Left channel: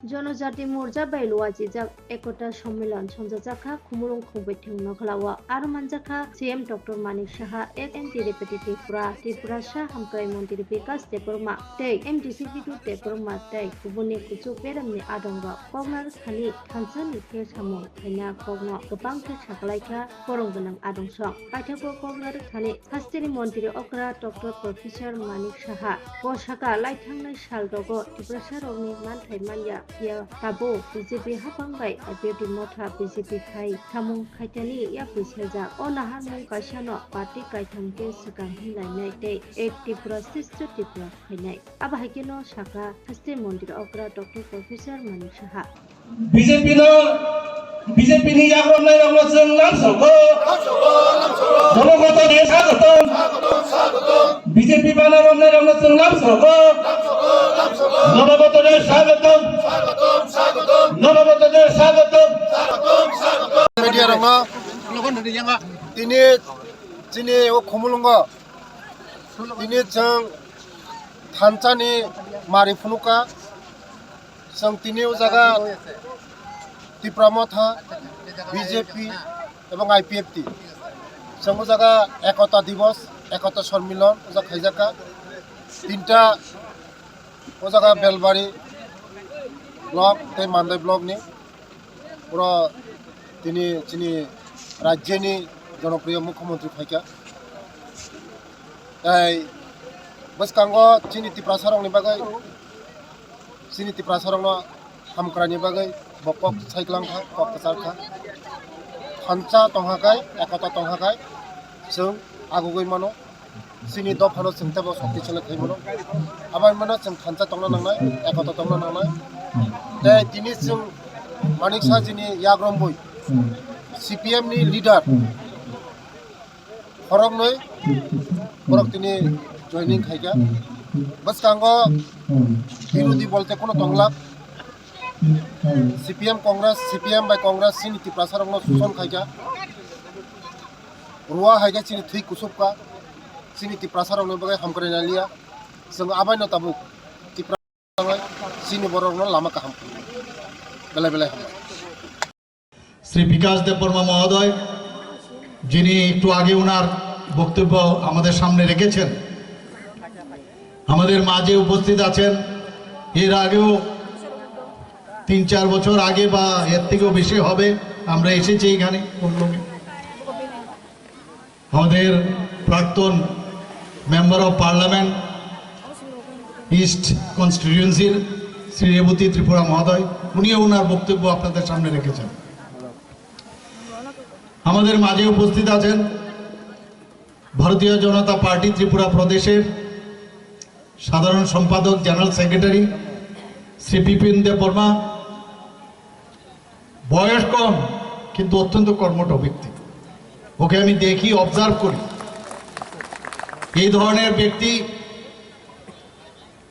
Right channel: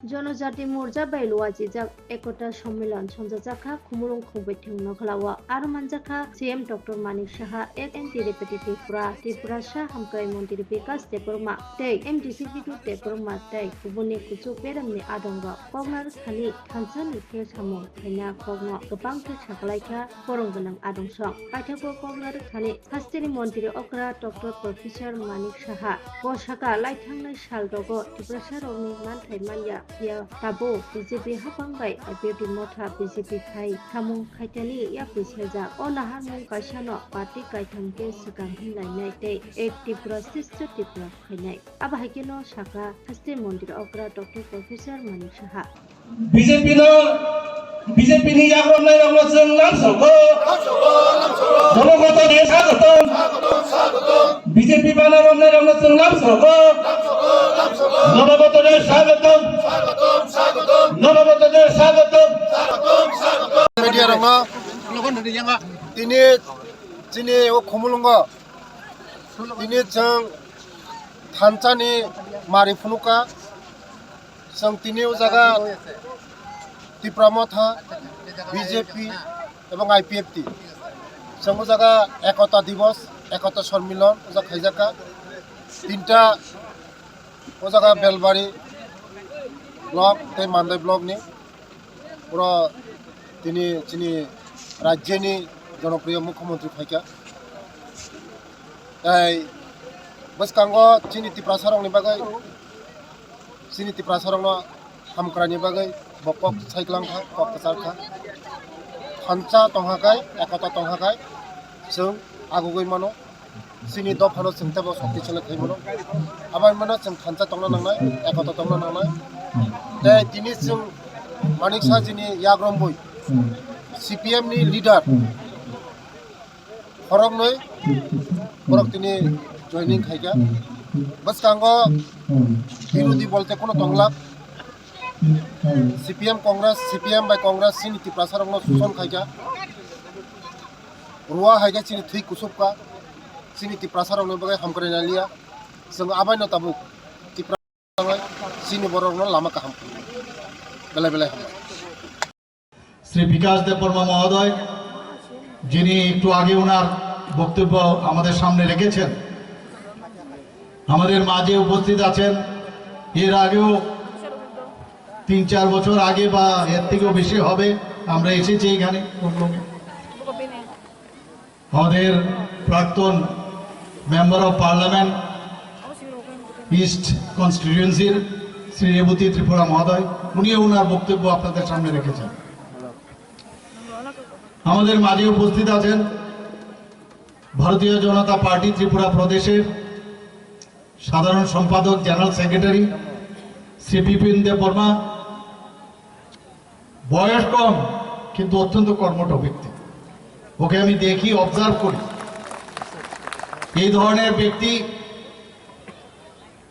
জনজাতি মোর্চা বাইলুয়াজি যাক একতা সম্মেলন সঞ্জাজাখা খুমুলুং খুবৈথিং নখলাওয়া আর মানজাখা সিএম ডক্টর মানিক সাহা এক এন্টি রিপিটিভ ত্রিপুরা শাহ হামকাই মন্ত্রী বিকাশ দেববর্মা তৈ এমডিসি বিদু দেববর্মা তৈ গুবুনनि কুচু बेरामनि आदंगा कगनार खानि थानसानि के सामु थाइना कगनो गोबां के सागलायखा खरं गोनां आदंसं पाइथाखौ कगनार खानि हास्टेरि मन्त्रि अक्रा डक्टर प्रफेसर मानिक साहा बसाका लाइथांनाय साल दगो त्रिपुरा शाहरनि मानथाइ मानया या ताबो बीजेपी हाफांबाय बेबि मथा बीजेपी खाइ सामुं खाइथानि या बिसेजा अ नाहार मुं काइसानो पार्टी काइथांके सिगां हिलायनाय तै एक त्रिपुरा श्रेष्ठ त्रिपुरा खाइनाय आबाहायकेनो साका हास्टे मन्दिर अग्रा डक्टर प्रफेसर मानिक साहा बिजेपिनि याग्रबनाय रावनो जों नांसगौ जनगत देश स्वागतम बिजेपि बानारबनाय रावनो जों नांसगौ जनगत देश स्वागतम जनगत देश स्वागतम media rama ini sini khumulunga ini jeng thancani mari phunuka jeng tini jaga Tripura মথা বিজেপি এবং আইপিএফটি জং জায়গা একতা দিবস একতা সম্মিলন ওজা খাইজাকা তিনটা ও জায়গা বেলবাড়ি ব্লক তে মান্দাই ব্লকনি পুরো তিনি চিনি রাজ্যনি জনপ্রিয় মুখ্যমন্ত্রী ফাইকা তাই বসকাঙ্গ চিনি ত্রিপুরা সারংনি বাগै চিনি ত্রিপুরা সারং হামক্রানি বাগै बकक साइक्लांखा कक सारखा थानचा तंहाखाय एकता तंहाखाय जों आगुगै मानो सिनि दफानो जोंथाबो सक्ति चले थाइ मानो आबाय मानो जों थानचा तंना नांनाय एकता तंना नांनाय दे दिनि जों मानिक साजिनि याग्रमबुय सीपीएम नि लीडर फरगनै फरगतिनि जॉइनिंग खाइगा बस कांगो विरोधी बोलते कोनो Tangla CPM by Congress sini ti prasarang no susun khaja ruwa haiga sini thui kusupka sini ti prasarang no bagai hamkare nalia sung abai no tabu ti prasarang sini borong no lama ka ham bela ham Shri বিকাশ দেববর্মা মহোদয় যিনি একটু আগে ওনার বক্তব্য আমাদের সামনে রেখেছেন আমাদের মাঝে উপস্থিত আছেন এর আগেও 3-4 বছর আগে বা এর থেকেও বেশি হবে আমরা এসেছি এখানে আমাদের প্রাক্তন মেম্বার অফ পার্লামেন্ট ইস্ট কনস্টিটিউয়েন্সির শ্রী রেবতী ত্রিপুরা মহোদয় উনিও ওনার বক্তব্য আপনাদের সামনে রেখেছেন আমাদের মাঝে উপস্থিত আছেন ভারতীয় জনতা পার্টি ত্রিপুরা প্রদেশের সাধারণ সম্পাদক জেনারেল সেক্রেটারি শ্রী বিপিন দেববর্মা বয়স কম কিন্তু অত্যন্ত কর্মঠ ব্যক্তি ওকে আমি দেখি অবজার্ভ করি এই ধরনের ব্যক্তি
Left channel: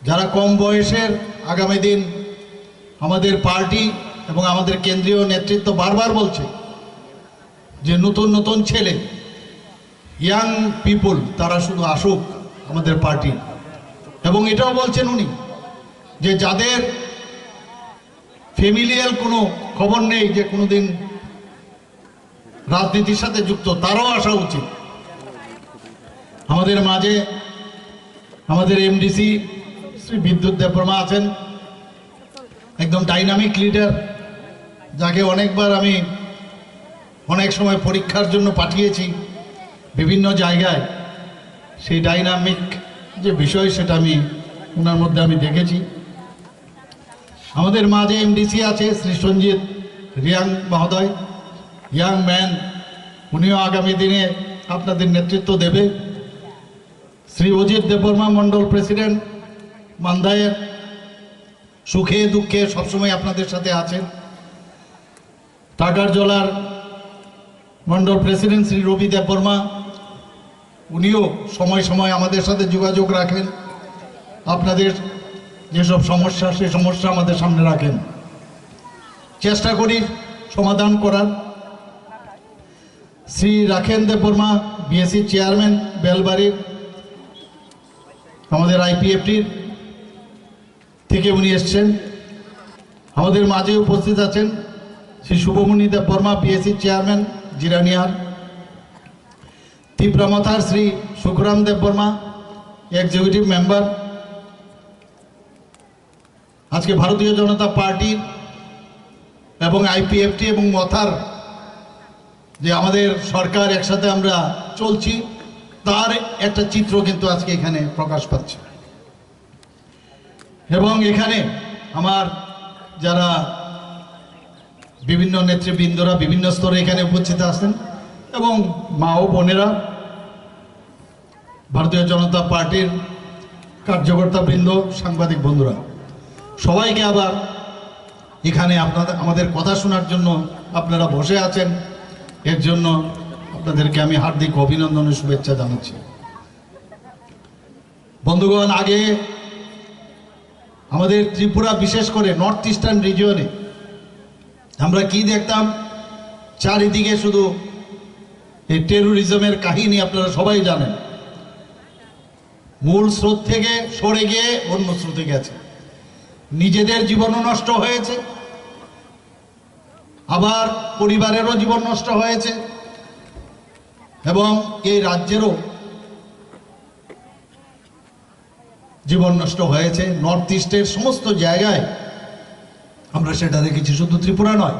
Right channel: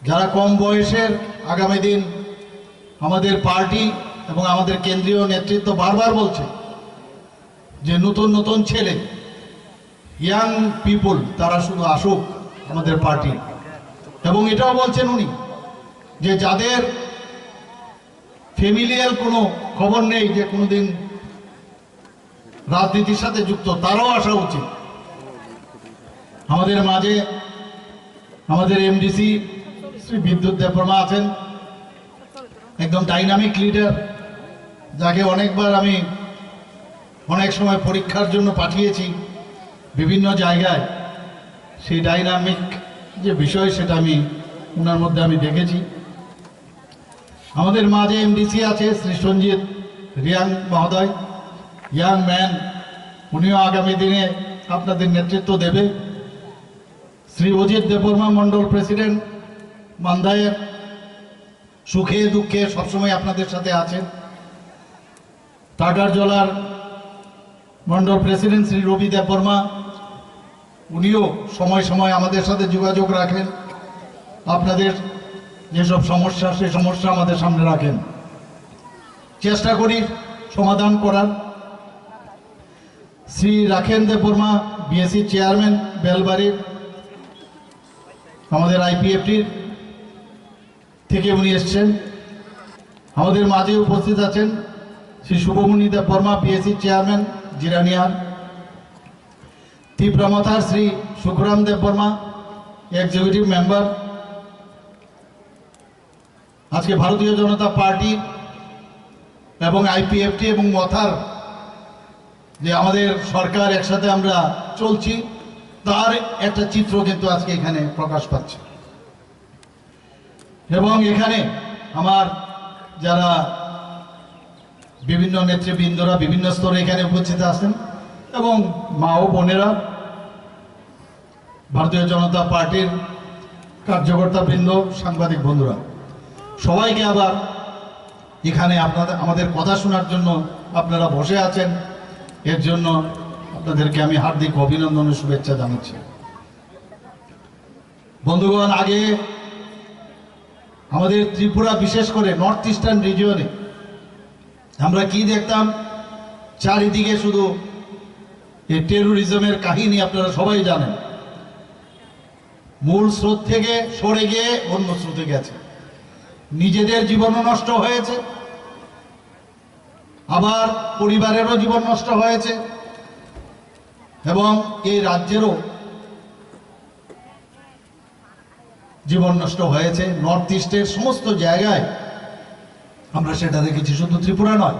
যারা কম বয়সের আগামী দিন আমাদের পার্টি এবং আমাদের কেন্দ্রীয় নেতৃত্ব বারবার বলছে যে নতুন নতুন ছেলে ইয়াং পিপল তারা শুধু আসুক আমাদের পার্টি এবং এটাও বলছেন উনি যে যাদের ফ্যামিলিয়াল কোনো খবর নেই যে কোনোদিন রাজনীতির সাথে যুক্ত তারাও আসা উচিত আমাদের মাঝে আমাদের এমডিসি শ্রী বিদ্যুৎ দেববর্মা আছেন একদম ডাইনামিক লিডার যাকে অনেকবার আমি অনেক সময় পরীক্ষার জন্য পাঠিয়েছি বিভিন্ন জায়গায় সেই ডাইনামিক যে বিষয় সেটা আমি ওনার মধ্যে আমি দেখেছি আমাদের মাঝে এমডিসি আছে শ্রী সঞ্জিত রিয়াং মহোদয় ইয়াং ম্যান উনিও আগামী দিনে আপনাদের নেতৃত্ব দেবে শ্রী অজিত দেববর্মা মণ্ডল প্রেসিডেন্ট মান্দায়ের সুখে দুঃখে সবসময় আপনাদের সাথে আছেন টাটার জলার মণ্ডল প্রেসিডেন্ট শ্রী রবি দেববর্মা উনিও সময় সময় আমাদের সাথে যোগাযোগ রাখেন আপনাদের যেসব সমস্যা সেই সমস্যা আমাদের সামনে রাখেন চেষ্টা করি সমাধান করার শ্রী রাখেন দেববর্মা বিএসসি চেয়ারম্যান বেলবাড়ির আমাদের আইপিএফটির থেকে উনি এসছেন আমাদের মাঝে উপস্থিত আছেন শ্রী শুভমণি দেববর্মা পিএসসি চেয়ারম্যান জিরানিয়ার, তীব্রামথার শ্রী সুখরাম দেববর্মা এক্সিকিউটিভ মেম্বার, আজকে ভারতীয় জনতা পার্টি এবং আইপিএফটি এবং মথার যে আমাদের সরকার একসাথে আমরা চলছি তার একটা চিত্র কিন্তু আজকে এখানে প্রকাশ পাচ্ছে। এবং এখানে আমার যারা বিভিন্ন নেতৃবৃন্দরা বিভিন্ন স্তরে এখানে উপস্থিত আছেন এবং মা ও বোনেরা, ভারতীয় জনতা পার্টির কার্যকর্তা বৃন্দ, সাংবাদিক বন্ধুরা, সবাইকে আবার এখানে আমাদের কথা শোনার জন্য আপনারা বসে আছেন, এর জন্য আপনাদেরকে আমি হার্দিক অভিনন্দন ও শুভেচ্ছা জানাচ্ছি। বন্ধুগণ, আগে আমাদের ত্রিপুরা, বিশেষ করে নর্থ ইস্টার্ন রিজিয়নে আমরা কি দেখতাম, চারিদিকে শুধু এই টেরোরিজমের কাহিনী আপনারা সবাই জানেন। মূল স্রোত থেকে সরে গিয়ে অন্য স্রোতে গেছে, নিজেদের জীবনও নষ্ট হয়েছে, আবার পরিবারেরও জীবন নষ্ট হয়েছে এবং এই রাজ্যেরও জীবন নষ্ট হয়েছে। নর্থ ইস্টের সমস্ত জায়গায় আমরা সেটা দেখেছি, শুধু ত্রিপুরা নয়।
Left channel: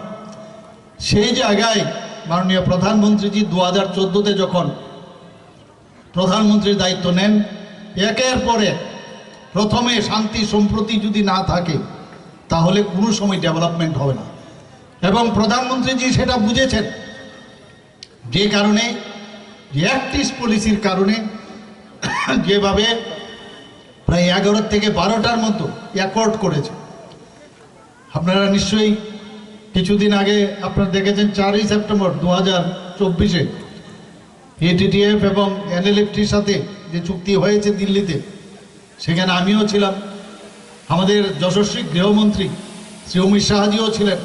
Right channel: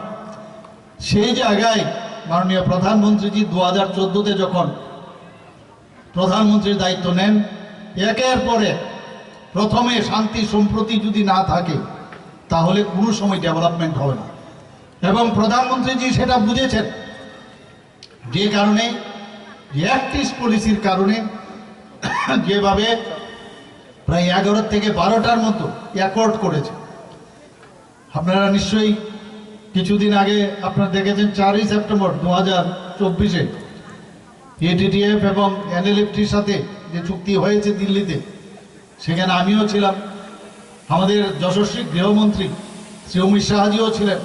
সেই জায়গায় মাননীয় প্রধানমন্ত্রীজি 2014-তে যখন প্রধানমন্ত্রীর দায়িত্ব নেন, একের পরে প্রথমে শান্তি সম্প্রতি যদি না থাকে তাহলে কোনো সময় ডেভেলপমেন্ট হবে না। এবং প্রধানমন্ত্রীজি সেটা বুঝেছেন, যে কারণে অ্যাক্টিভ পলিসির কারণে যেভাবে প্রায় 11 থেকে 12টার মতো অ্যাকর্ড করেছে। আপনারা নিশ্চয়ই কিছুদিন আগে আপনারা দেখেছেন 4ই সেপ্টেম্বর 2024-এ এটিটিএফ এবং এনএলএফটির সাথে যে চুক্তি হয়েছে দিল্লিতে, সেখানে আমিও ছিলাম, আমাদের যশস্বী গৃহমন্ত্রী শ্রী অমিত শাহজিও ছিলেন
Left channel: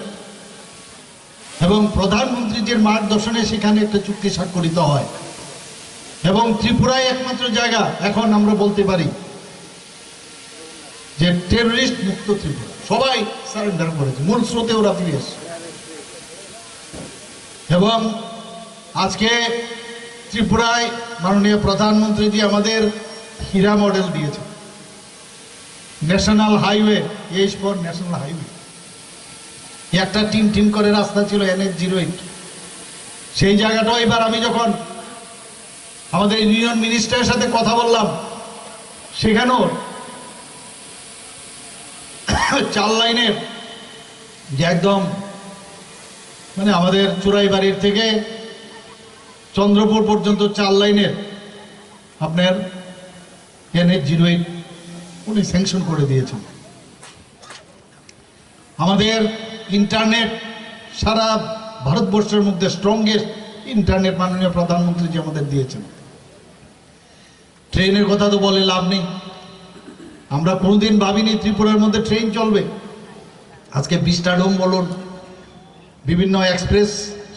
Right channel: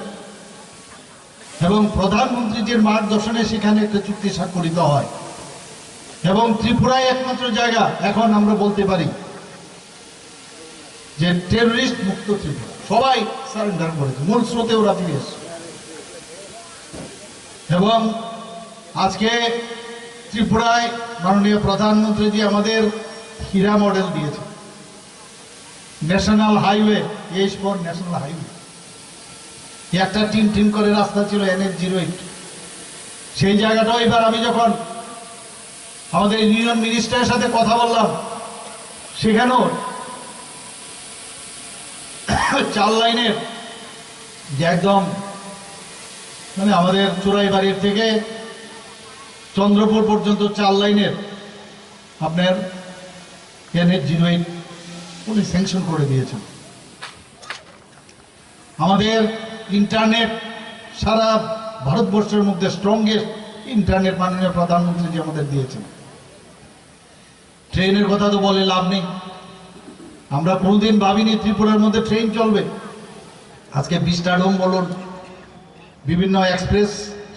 এবং প্রধানমন্ত্রীজির মার্গদর্শনে সেখানে একটা চুক্তি স্বাক্ষরিত হয়। এবং ত্রিপুরায় একমাত্র জায়গা এখন আমরা বলতে পারি যে টেররিস্ট মুক্ত ত্রিপুরা, সবাই সারেন্ডার করেছে, মূল স্রোতে ওরা ফিরে এসেছে। এবং আজকে ত্রিপুরায় মাননীয় প্রধানমন্ত্রীজি আমাদের হীরা মডেল দিয়েছে, national highway, H4 national highway. একটা টিম করে রাস্তা ছিল NH-08, সেই জায়গাটাও এবার আমি যখন আমাদের ইউনিয়ন মিনিস্টারের সাথে কথা বললাম, সেখানেও 4 লাইনের যে একদম মানে আমাদের চুরাইবাড়ির থেকে চন্দ্রপুর পর্যন্ত 4 লাইনের আপনার NH-08 উনি স্যাংশন করে দিয়েছেন। আমাদের ইন্টারনেট সারা ভারতবর্ষের মধ্যে স্ট্রংগেস্ট ইন্টারনেট মাননীয় প্রধানমন্ত্রীজি আমাদের দিয়েছেন। ট্রেনের কথা তো বলে লাভ নেই, আমরা কোনোদিন ভাবিনি ত্রিপুরার মধ্যে ট্রেন চলবে। আজকে বিস্টাডোম বলুন, বিভিন্ন এক্সপ্রেস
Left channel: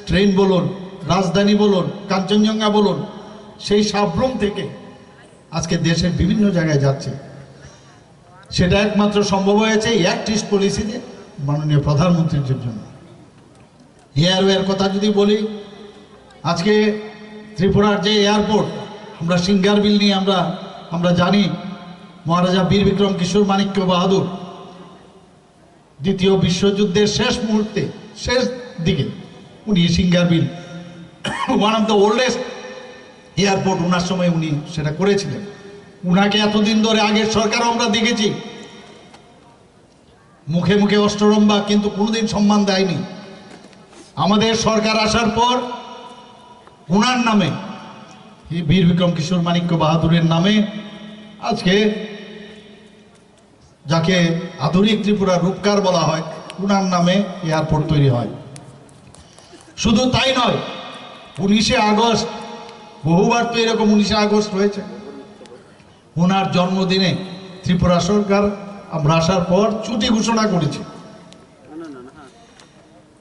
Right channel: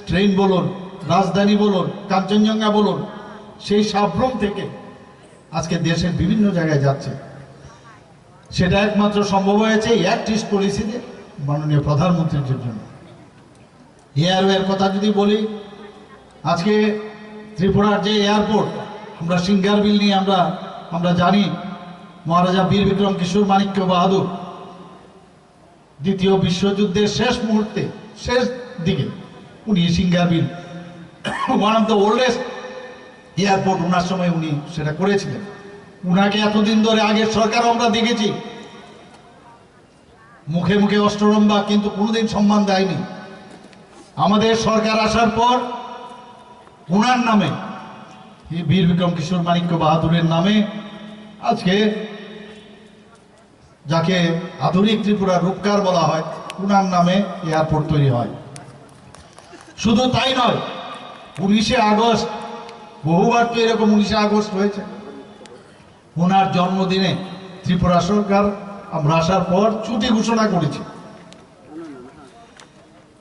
ট্রেন বলুন, রাজধানী বলুন, কাঞ্চনজঙ্ঘা বলুন, সেই সাবরুম থেকে আজকে দেশের বিভিন্ন জায়গায় যাচ্ছে। সেটা একমাত্র সম্ভব হয়েছে অ্যাক্টিভ পলিসিতে মাননীয় প্রধানমন্ত্রীর জন্য। এয়ারওয়ের কথা যদি বলি, আজকে ত্রিপুরার যে এয়ারপোর্ট, আমরা সিঙ্গারবিল নিয়ে আমরা জানি মহারাজা বীর বিক্রম কিশোর মাণিক্য বাহাদুর দ্বিতীয় বিশ্বযুদ্ধের শেষ মুহূর্তে, শেষ দিকে উনি Singarbhil, one of the oldest airport, ওনার সময় উনি সেটা করেছিলেন। উনাকে এতদিন ধরে আগের সরকারও আমরা দেখেছি মুখে মুখে অষ্টরম্ভা, কিন্তু কোনোদিন সম্মান দেয়নি। আমাদের সরকার আসার পর ওনার নামে, বীর বিক্রম কিশোর মাণিক্য বাহাদুরের নামে আজকে যাকে আধুনিক ত্রিপুরা রূপকার বলা হয়, ওনার নামে এয়ারপোর্ট তৈরি হয়। শুধু তাই নয়, 19শে আগস্ট, বহুবার তো এরকম 19শে আগস্ট হয়েছে, ওনার জন্মদিনে ত্রিপুরা সরকার আমরা আসার পর ছুটি ঘোষণা করেছি।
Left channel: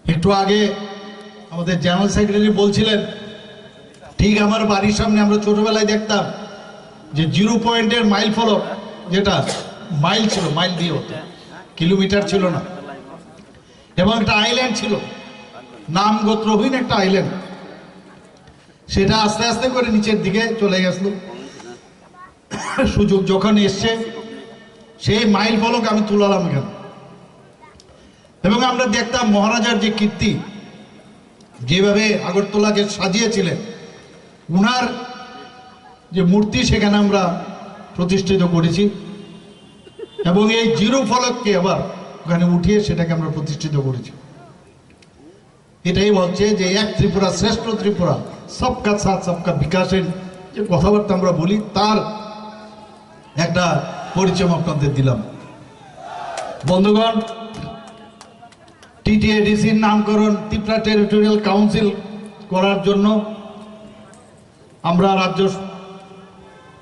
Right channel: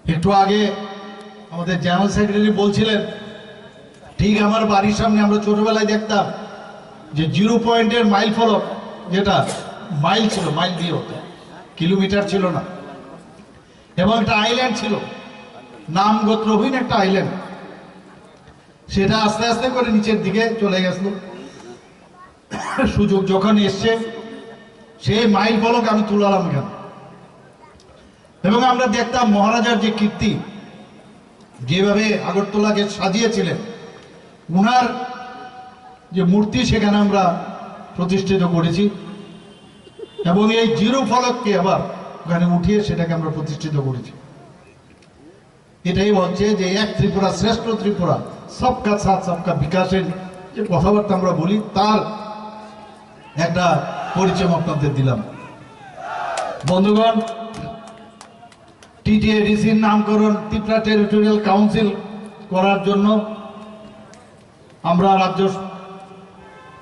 একটু আগে আমাদের জেনারেল সেক্রেটারি বলছিলেন, ঠিক আমার বাড়ির সামনে আমরা ছোটবেলায় দেখতাম যে 0 পয়েন্টের মাইল ফলক, যেটা মাইল ছিল, মাইল দিয়ে হতো, কিলোমিটার ছিল না, এবং একটা আইল্যান্ড ছিল, নাম গোত্রহীন একটা আইল্যান্ড, সেটা আস্তে আস্তে করে নিচের দিকে চলে গেছিল। সুযোগ যখন এসছে সেই মাইল ফলক আমি তুলালাম এখানে, এবং আমরা দেখতাম মহারাজার যে কীর্তি, যেভাবে আগরতলাকে সাজিয়েছিলেন, উনার যে মূর্তি সেখানে আমরা প্রতিষ্ঠিত করেছি, এবং এই জিরো ফলককে আবার ওখানে উঠিয়ে সেটাকে আমরা প্রতিষ্ঠিত করেছি। এটাই হচ্ছে যে এক ত্রিপুরা শ্রেষ্ঠ ত্রিপুরা, সবকা সাথ সবকা বিকাশের যে কথাবার্তা আমরা বলি, তার একটা পরিচয় আপনাদের দিলাম। বন্ধুগণ, টিটিএডিসির নামকরণ ত্রিপুরা টেরিটোরিয়াল কাউন্সিল করার জন্য আমরা রাজ্য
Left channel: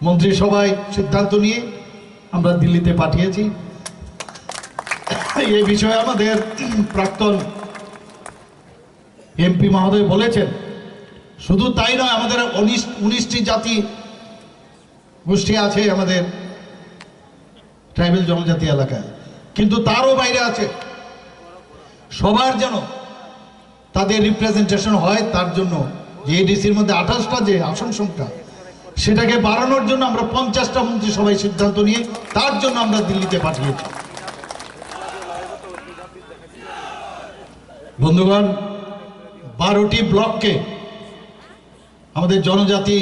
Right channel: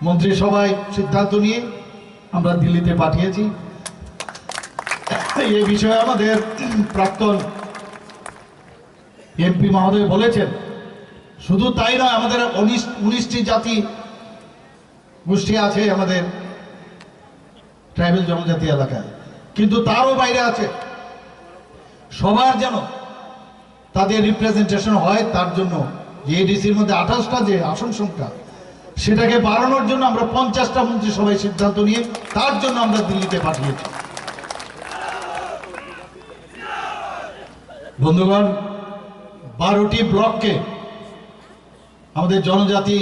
মন্ত্রিসভায় সিদ্ধান্ত নিয়ে আমরা দিল্লিতে পাঠিয়েছি। এই বিষয়ে আমাদের প্রাক্তন এমপি মহোদয় বলেছেন, শুধু তাই নয়, আমাদের 19টি জাতি গোষ্ঠী আছে আমাদের ট্রাইবেল জনজাতি এলাকায়, কিন্তু তারও বাইরে আছে। সবার যেন তাদের রিপ্রেজেন্টেশন হয়, তার জন্য যে এডিসির মধ্যে 28টা যে আসন সংখ্যা, সেটাকে বাড়ানোর জন্য আমরা 50টা মন্ত্রিসভায় সিদ্ধান্ত নিয়ে তার জন্য আমরা দিল্লিতে পাঠিয়েছি। বন্ধুগণ, 12টি ব্লককে আমাদের জনজাতি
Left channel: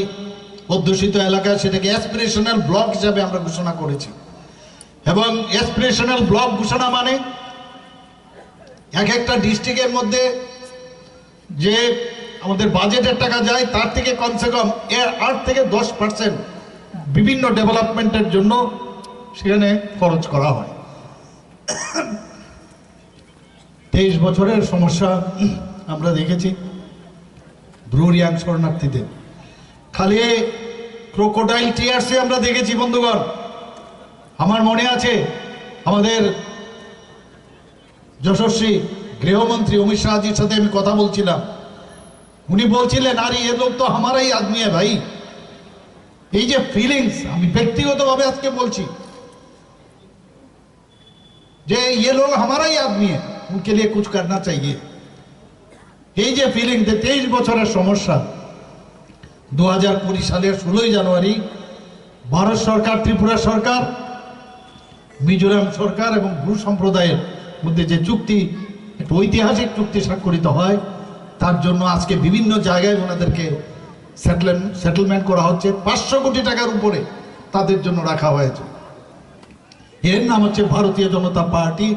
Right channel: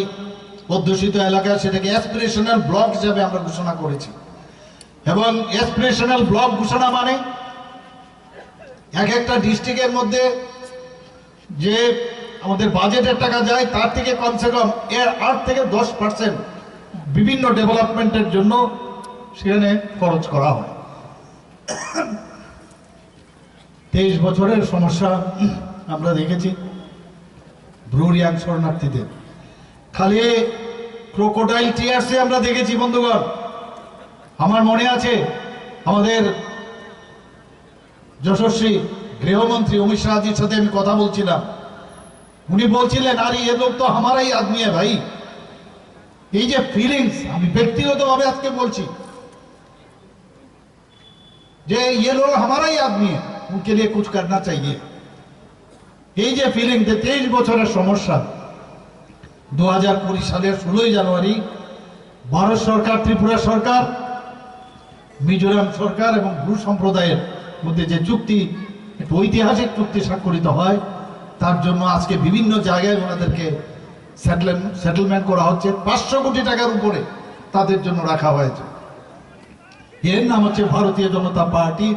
অধ্যুষিত এলাকা, সেটাকে অ্যাসপিরেশনাল ব্লক হিসাবে আমরা ঘোষণা করেছি। এবং অ্যাসপিরেশনাল ব্লক ঘোষণা মানে এক একটা ডিস্ট্রিক্টের মধ্যে যে আমাদের বাজেটের টাকা যায়, তার থেকে কমসে কম 8 থেকে 10% বিভিন্ন ডেভেলপমেন্টের জন্য সেখানে খরচ করা হয়। 23 বছরের সমস্যা আমরা দেখেছি ব্রুরিয়াং শরণার্থীদের, খালি ক্রোকোডাইল টিয়ার্সে আমরা দেখেছি। বন্ধুগণ, আমার মনে আছে আমাদের যশস্বী গৃহমন্ত্রী অমিত শাহজির সাথে আমি কথা বলছিলাম, উনি বলছিলেন, আরে এ লোক তো আমারাই আদমি है ভাই। এই যে ফিলিংস, আমি ব্যক্তিগতভাবে আজকে বলছি যে ये लोग हमारा ही आदमी है, उनके लिए कुछ करना चाहिए। এই যে ফিলিং, 23 বছরের সমস্যা, 2020 সালের 16 জানুয়ারি ভারত সরকার, ত্রিপুরা সরকার, মিজোরাম সরকার এবং ব্রু সম্প্রদায়ের মধ্যে যে চুক্তি, একটা ঐতিহাসিক চুক্তি স্বাক্ষরিত হয়, তার জন্য আজকে বিভিন্ন জায়গায় ওনাদেরকে সেটেলমেন্ট করা হচ্ছে। 500 কোটি টাকার উপরে তাদের জন্য রাখা হয়েছে। এর নাম হচ্ছে ভারতীয় জনতা পার্টি,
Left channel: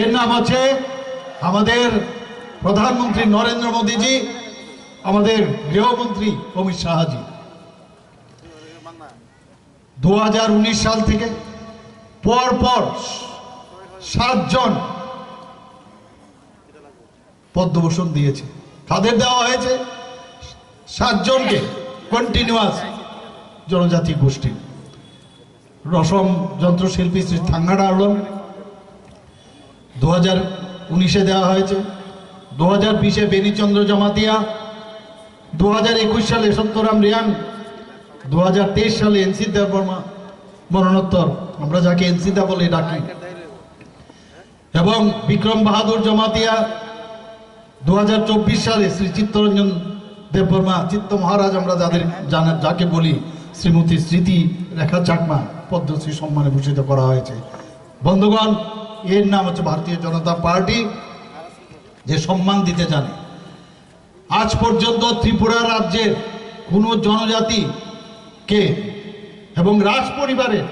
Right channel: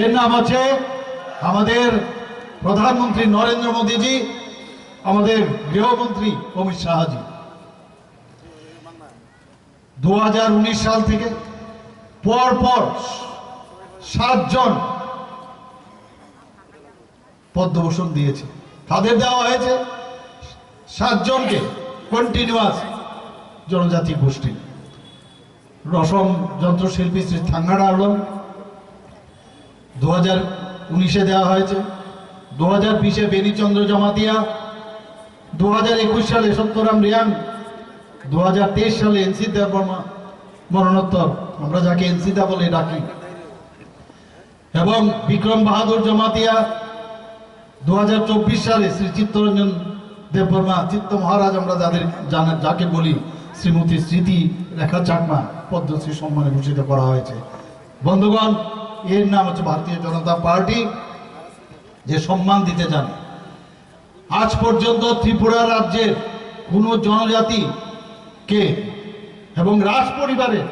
এর নাম হচ্ছে আমাদের প্রধানমন্ত্রী নরেন্দ্র মোদীজি, আমাদের গৃহমন্ত্রী অমিত শাহজি। 2019 সাল থেকে পর 7 জন পদ্মভূষণ দিয়েছে। তাদের দেওয়া হয়েছে 7 জনকে কন্টিনিউয়াস জনজাতি গোষ্ঠী। রসম যন্ত্রশিল্পী শ্রী থাঙ্গাড়া আলম 2019-এ দেওয়া হয়েছে, 2020-এ বেনিচন্দ্র জমাতিয়া, 2021 সালে সত্যরাম রিয়াং, 2023 সালে এনসি দেববর্মা মরণোত্তর, আমরা যাকে এনসিদা বলে ডাকি, এবং বিক্রম বাহাদুর জমাতিয়া। 2024 সালে শ্রী চিত্তরঞ্জন দেববর্মা, চিত্ত মহারাজ আমরা যাকে বলি, শ্রীমতী স্মৃতি রেখা চাকমা পদ্মশ্রী সম্মানে ভূষিত করা হয়েছে। বন্ধুগণ, এর নাম হচ্ছে ভারতীয় জনতা পার্টি, যে সম্মান দিতে জানে। আজ পর্যন্ত ত্রিপুরা রাজ্যের কোনো জনজাতিকে এবং রাজ পরিবারের,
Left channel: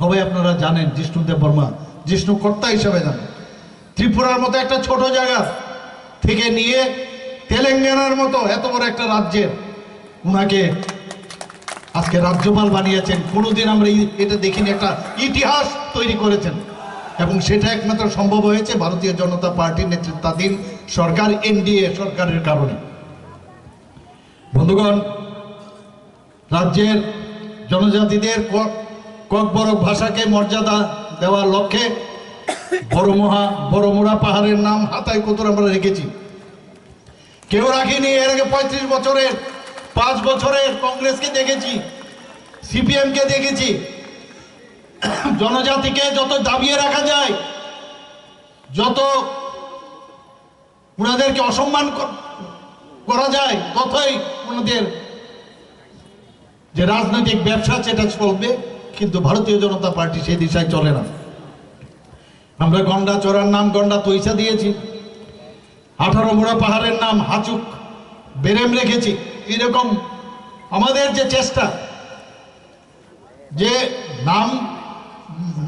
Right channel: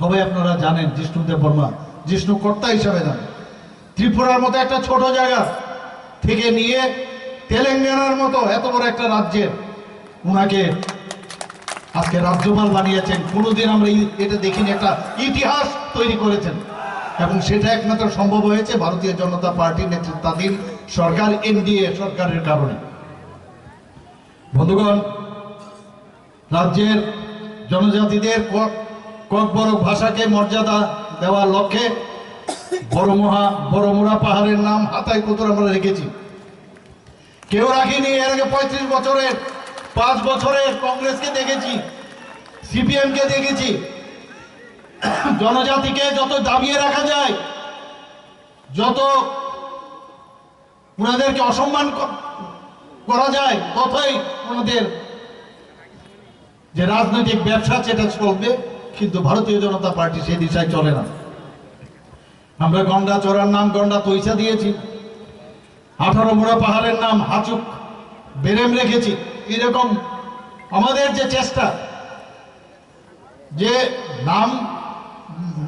সবাই আপনারা জানেন, জিষ্ণু দেববর্মা জিষ্ণু কর্তা হিসাবে জানেন, ত্রিপুরার মতো একটা ছোট জায়গা থেকে নিয়ে তেলেঙ্গানার মতো এত বড় একটা রাজ্যের উনাকে আজকে রাজ্যপাল বানিয়েছেন। কোনোদিন আমরা এটা দেখিনি, একটা ইতিহাস তৈরি করেছেন, এবং সেটা একমাত্র সম্ভব হয়েছে ভারতীয় জনতা পার্টির নেতৃত্বাধীন সরকার, এনডিএ সরকারের কারণে। বন্ধুগণ, রাজ্যের জনজাতিদের ককবরক ভাষাকে মর্যাদা দেওয়ার লক্ষ্যে বড়মুড়া পাহাড়ের নাম হাতায় কোতর আমরা রেখেছি। কেউ রাখিনি। এর আগে 35 বছরের 5 বছরের কংগ্রেসকে দেখেছি, সিপিএমকে দেখেছি। জনজাতিকে যত দাবিয়ে রাখা যায় যত ওনাদেরকে অসম্মান করা যায় ততই ওনাদের যে রাজনৈতিক ব্যবসা সেটা চলবে, কিন্তু ভারতীয় জনতা পার্টি সেই দিশায় চলে না। আমরা গন্ডা চোরার নাম গন্ডা তৈসা দিয়েছি, 18 মোড়া পাহাড়ের নাম হাচুক বেরেম রেখেছি। এরকম আমাদের যে চেষ্টা যে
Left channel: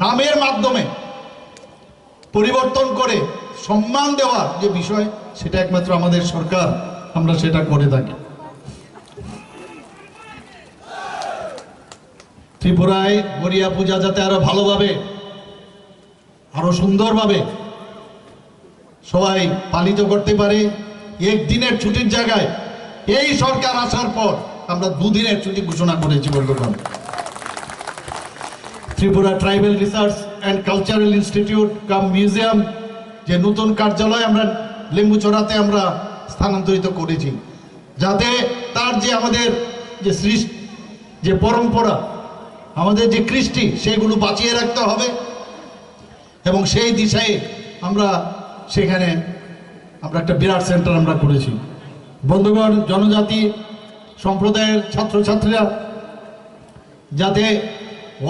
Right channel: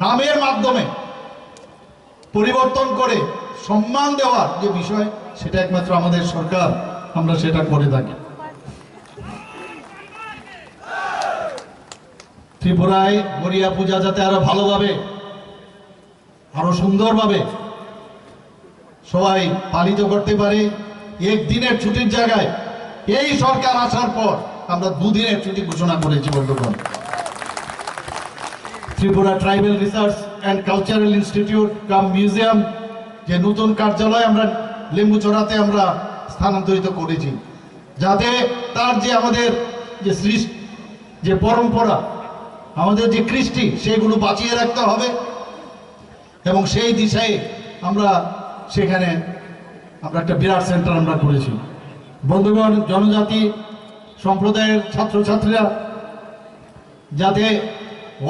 নামের মাধ্যমে পরিবর্তন করে সম্মান দেওয়ার যে বিষয়, সেটা একমাত্র আমাদের সরকার, আমরা সেটা করে থাকি। ত্রিপুরায় গড়িয়া পূজা যাতে আরো ভালোভাবে আরো সুন্দরভাবে সবাই পালিত করতে পারে, একদিনের ছুটির জায়গায় এই সরকার আসার পর আমরা 2 দিনের ছুটি ঘোষণা করেছি বন্ধুগণ। Tripura tribal research and cultural institute cum museum যে নতুন কার্যালয় আমরা লেম্বুচড়াতে আমরা স্থানান্তরিত করেছি, যাতে তার যে আমাদের যে সৃষ্টি যে পরম্পরা আমাদের যে কৃষ্টি সেগুলো বাঁচিয়ে রাখতে হবে, এবং সেই দিশায় আমরা সেখানে আমরা একটা বিরাট সেন্টার আমরা করেছি। বন্ধুগণ, জনজাতি সম্প্রদায়ের ছাত্রছাত্রীরা যাতে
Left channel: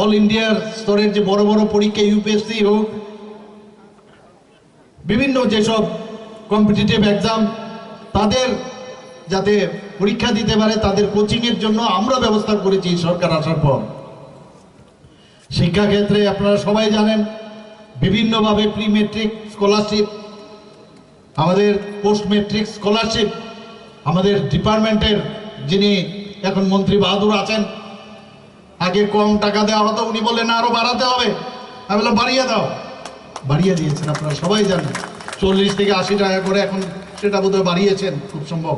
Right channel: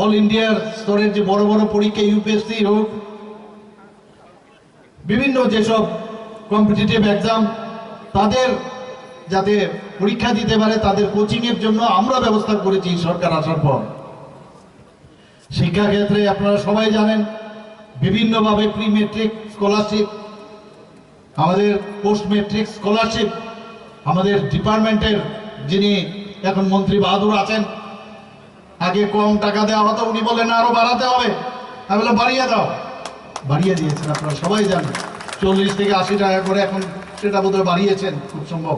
অল ইন্ডিয়ার স্তরের যে বড় বড় পরীক্ষা ইউপিএসসি হোক, বিভিন্ন যেসব কম্পিটিটিভ এক্সাম তাদের যাতে পরীক্ষা দিতে পারে, তাদের কোচিংয়ের জন্য আমরা ব্যবস্থা করেছি সরকার আসার পর। শিক্ষাক্ষেত্রে আপনারা সবাই জানেন বিভিন্নভাবে প্রি মেট্রিক স্কলারশিপ, আমাদের পোস্ট মেট্রিক স্কলারশিপ, আমাদের ডিপার্টমেন্টের যিনি এখন মন্ত্রী বাহাদুর আছেন, আগে কম টাকা দেওয়া হতো, উনি বললেন আরো বাড়াতে হবে, আমি বললাম বাড়িয়ে দাও, বাড়িয়ে দিয়েছেন। আপনারা সবাই জানেন 40 থেকে 80 টাকা করে এখন সেটা বোধহয় বাড়িয়েছেন খুব সম্ভব।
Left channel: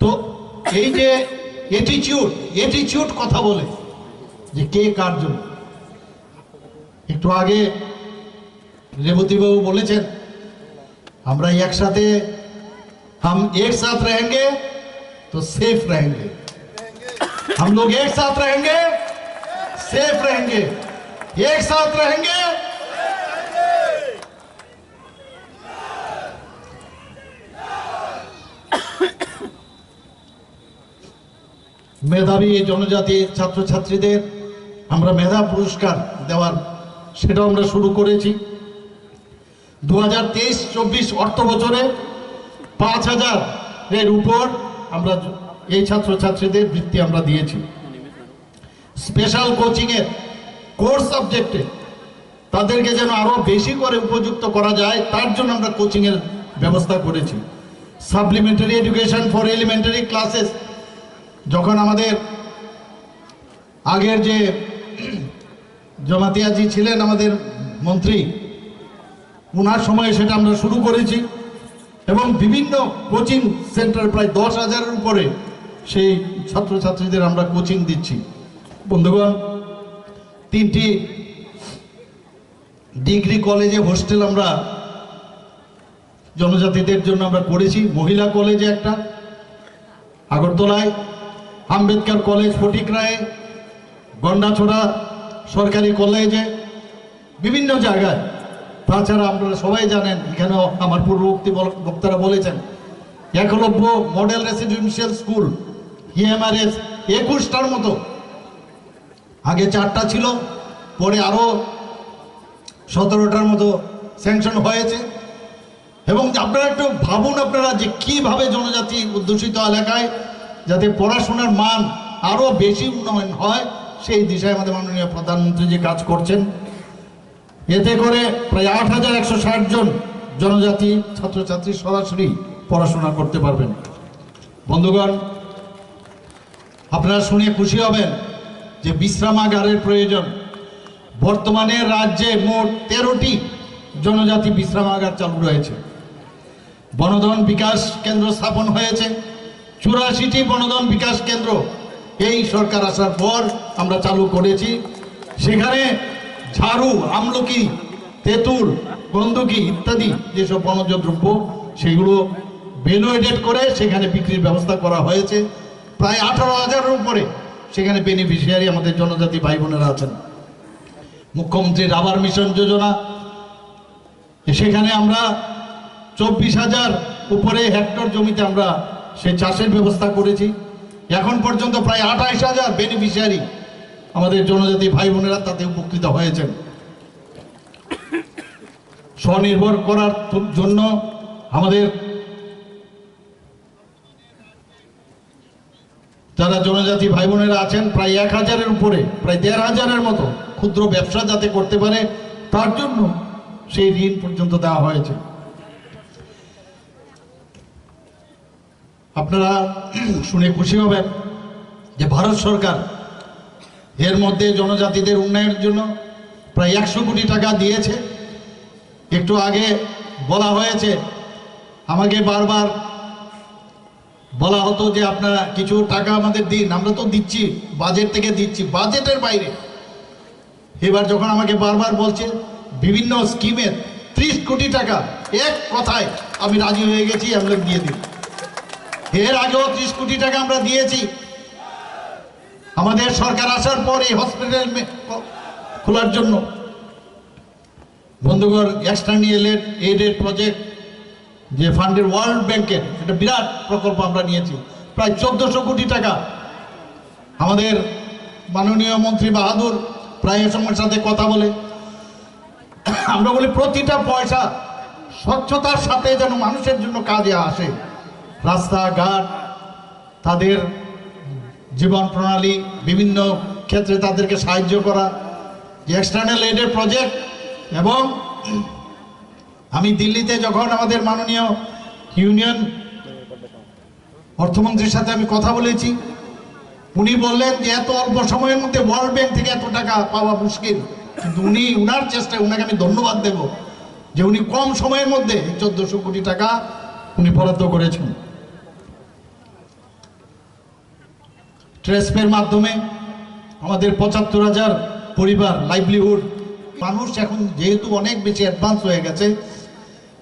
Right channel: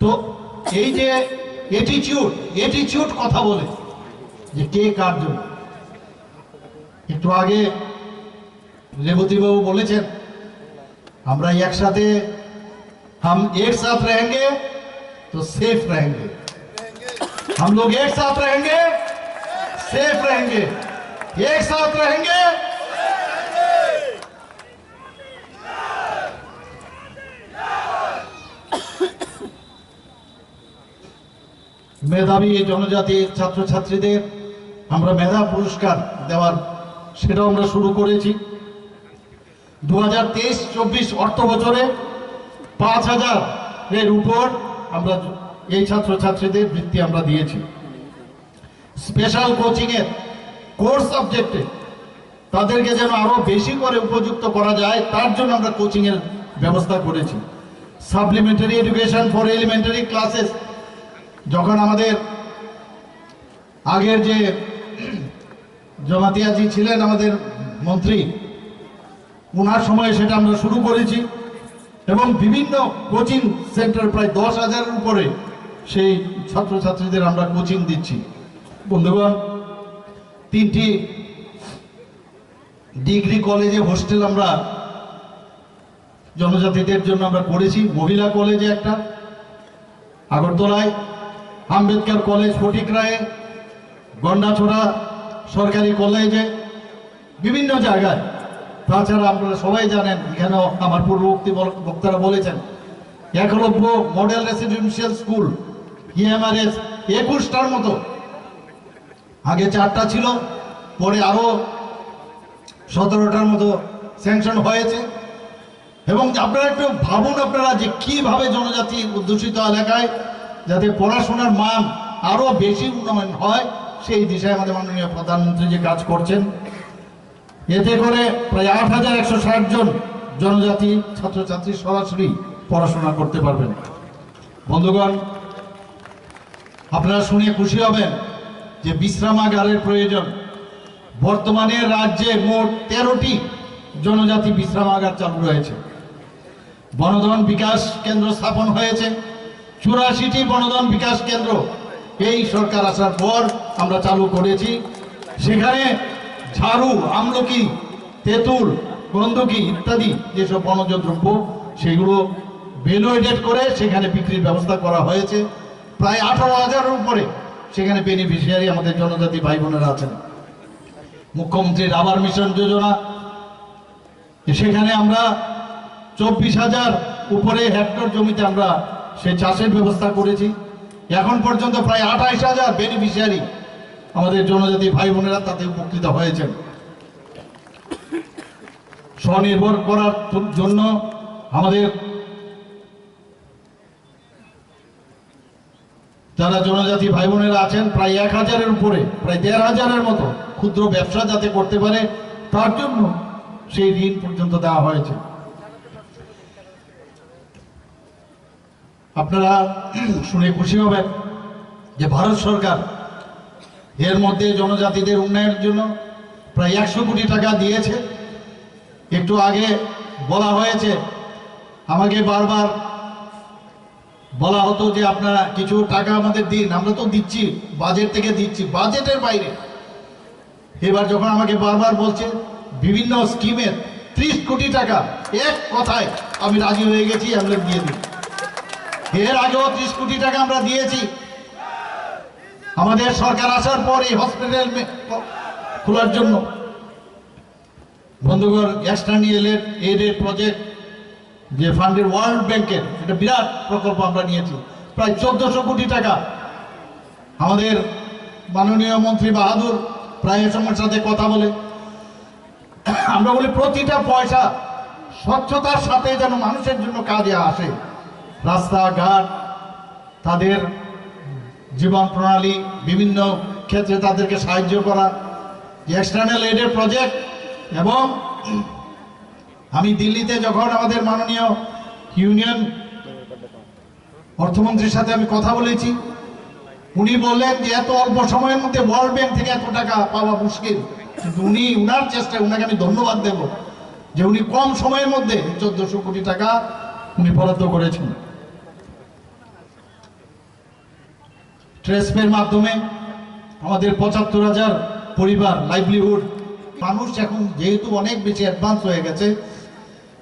তো এই যে এটিটিউড কথা বলে যে কে কার জন্য, একটু আগে রেবতীবাবু বলেছেন আমরা একসাথে हम एक साथ रहेंगे तो सेफ रहेंगे, हम लोग एक साथ रहेंगे सेफ रहेंगे, एक साथ रहेंगे মেধাবী জনজাতি ছাত্রছাত্রীদের আমরা মেধা পুরস্কার দেওয়ার সেটাও আমরা শুরু করেছি। 2023-24 অর্থ বছরে 5000 এর উপর আমরা এই ছাত্রছাত্রীদের বৃত্তি আমরা দিয়েছি। স্পেশাল কোচিংয়ের কোর্স সাবজেক্টে তাদেরকে যেন আরো বেশি করে উপযুক্ত করা যায় তার জন্য আমরা কোচিংয়ের ব্যবস্থা করেছি। Supplementary education for elementary classes, যখন আমাদের আগের যে জমাতিয়াজি ছিলেন আমাদের মন্ত্রী, ওনার সময়ে সেটা আমরা শুরু করেছি, এবং বিভিন্ন কোচিং সেন্টার প্রায় 10,000-এর উপরে সেই ছাত্রছাত্রীদের আমরা কোচিং দিচ্ছি। বন্ধুগণ, 3টি ডিগ্রি কলেজে হোস্টেল আমরা জনজাতিদের জন্য আমরা করেছি। মহিলা কলেজে একটা আগরতলায়, আম্বেদকর কলেজ ফটিকরায়ে, গন্ডাছড়া সরকারি কলেজে, বিভিন্ন জায়গায়। তাছাড়া আপনারা সবাই জানেন, এখানেও আমার পূর্ববর্তী বক্তারা বলেছেন, Eklavya model residential school EMRS 21টার মতো, আগে 4টা ছিল, পরে আরো 17টার মতো স্যাংশন হয়েছে। এবং আপনারা একটু ভাবুন আপনারা যে কিভাবে জনজাতি অধ্যুষিত এলাকায় যাতে পড়াশোনার মান আরো বেশি উন্নয়ন হয়, সেই দিশায় আমাদের মাননীয় প্রধানমন্ত্রী যে কাজ করছেন, এতে করে প্রায় 8160 জন জনজাতি ছাত্রছাত্রী সরাসরি পড়াশোনা করতে পারবেন। বন্ধুগণ, আপনারা শুনে খুশি হবেন যে বিশ্রামাগারের প্রয়োজন। বর্তমানে রাজ্যে মোট 13টি জনজাতি বিশ্রামাগার চালু রয়েছে। বনধন বিকাশ কেন্দ্র স্থাপন হয়েছে, 84টি বনধন বিকাশ কেন্দ্র এই সরকার আসার পর আমরা চালু করেছি। সেখানে ঝাড়ু, আমলকি, তেঁতুল, গন্ধকি ইত্যাদি যেসব বনজ দ্রব্য সেগুলো ভ্যালুয়েটেড করে সেখানে বিক্রির ব্যবস্থা করা হয়েছে। প্রায় 18,000-এর উপরে সেখানে বেনিফিশিয়ারি আমাদের জনজাতি ভাই বোনেরা আছেন। মুখ্যমন্ত্রীর আবাস মিশন যোজনা সেখানে আমরা 24,000 উপরে হেক্টর জমিতে আমরা সেই চাষের ব্যবস্থা করেছি। এখন পর্যন্ত প্রায় 28,000 বেনিফিশিয়ারি আমাদের জনজাতি ভাই বোনেরা তাতে উপকৃত হয়েছেন। স্বনির্ভর করার জন্য আমাদের যারা জনজাতি ভাই বোনেরা আছেন প্রায় 1,000-এর উপরে, প্রায় 1,500-এর মতো ক্ষুদ্র ব্যবসা যাতে করতে পারে তার জন্য সেই ঋণ পর্যন্ত দেওয়া হয়েছে। আপনারা শুনে খুশি হবেন যে ভারত সরকার এর মধ্যে জনজাতিদের উন্নয়নের জন্য প্রায় 100 কোটি টাকা দিয়েছে। একটু আগে বলা হয়েছে, আমাকে বারবার বলা হতো যে আপনারা কিছু টাকা আমাদের দিন, আমরা তো দিচ্ছি, বাজেট থেকে দিচ্ছি, বাজেটের বাইরে। এবার যখন আমাকে বারবার বলছে বিভিন্ন স্কিমের 30 কোটি টাকা, এক কথায় আমি রাজি হয়ে গেছি, আমরা দিয়ে দিই। এর আগেও 30 কোটি টাকা আমরা দিয়েছি। আমাদের সরকার আসার পর এই হসপিটাল খোলার জন্য বন্ধুগণ এক্সটার্নাল এইডের প্রজেক্ট যে ফান্ডের ওয়ার্ল্ড ব্যাংকের একটা বিরাট প্রকল্প আমরা নিয়েছি, প্রায় 1400 কোটি টাকা। আমাদের মাননীয় মন্ত্রী বাহাদুর প্রায় এ সময়ের সাথে কথা বলে আমরা বলি প্রতিটা পয়সা স্বচ্ছতার সাথে যেন মানুষের জন্য কাজে আসে। রাস্তাঘাট, তাদের জীবন প্রণালী, বিভিন্ন ক্ষেত্রে তাদেরকে সাহায্য করা, যে এক্সটার্নাল এইডের প্রজেক্ট। এবং আমি দিল্লিতে যখন আমাদের মাননীয় ইউনিয়ন অর্থমন্ত্রীর সাথে আমি কথা বলেছি, উনি বললেন যে এত অল্প সময়ের মধ্যে ওয়ার্ল্ড ব্যাংক থেকে এত টাকা পাওয়া মুশকিল, কিন্তু উনি উনার চেষ্টায়, উনাকে আমি ধন্যবাদ দেব যে উনি কম সময়ের মধ্যে 1400 কোটি টাকা উনি বরাদ্দ করেছেন। ট্রেসপের মাধ্যমে আমাদের 75,000 পরিবার লাইভলিহুড মানুষ এখন যেহেতু অনেক বেশি অ্যাডভান্স হয়ে গেছে,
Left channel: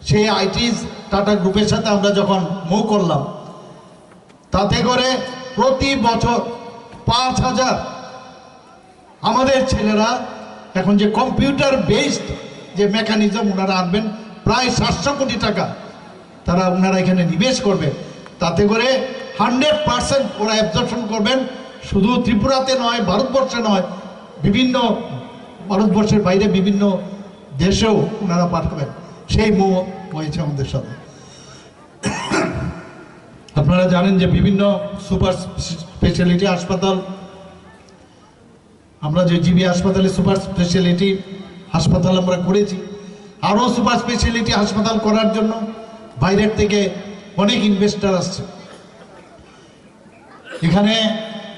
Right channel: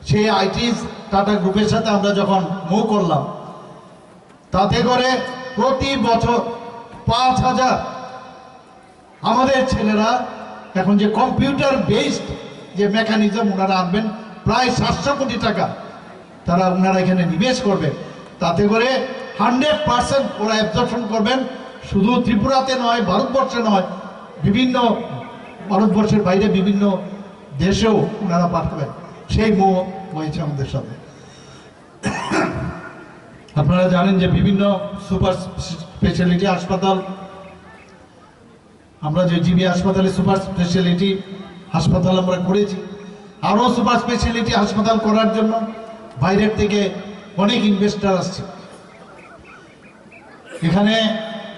সেই আইটিস টাটা গ্রুপের সাথে আমরা যখন মুভ করলাম, তাতে করে প্রতি বছর 5,000 আমাদের ছেলেরা এখন যে কম্পিউটার বেসড যে মেকানিজম ওনারা আনবেন, প্রায় 700 কোটি টাকা তারা ওনারা এখানে নিবেশ করবে। তাতে করে 100% ওরা অ্যাবজর্পশন করবেন, শুধু ত্রিপুরাতে নয়, ভারতবর্ষে নয়, বিভিন্ন ভারতবর্ষের বাইরে বিভিন্ন দেশেও ওনারা পাঠাবেন। সেই মোহ হয়েছে আমাদের সাথে। আপনারা জানেন যে বিভিন্ন সুপার স্পেশালিটি হাসপাতাল, আমরা যে জিবি হাসপাতালে সুপার স্পেশালিটি হাসপাতাল আমরা করেছি, আরও সুপার স্পেশালিটি হাসপাতাল করার জন্য বাইরের থেকে অনেক ইনভেস্টার আসছে। এখানে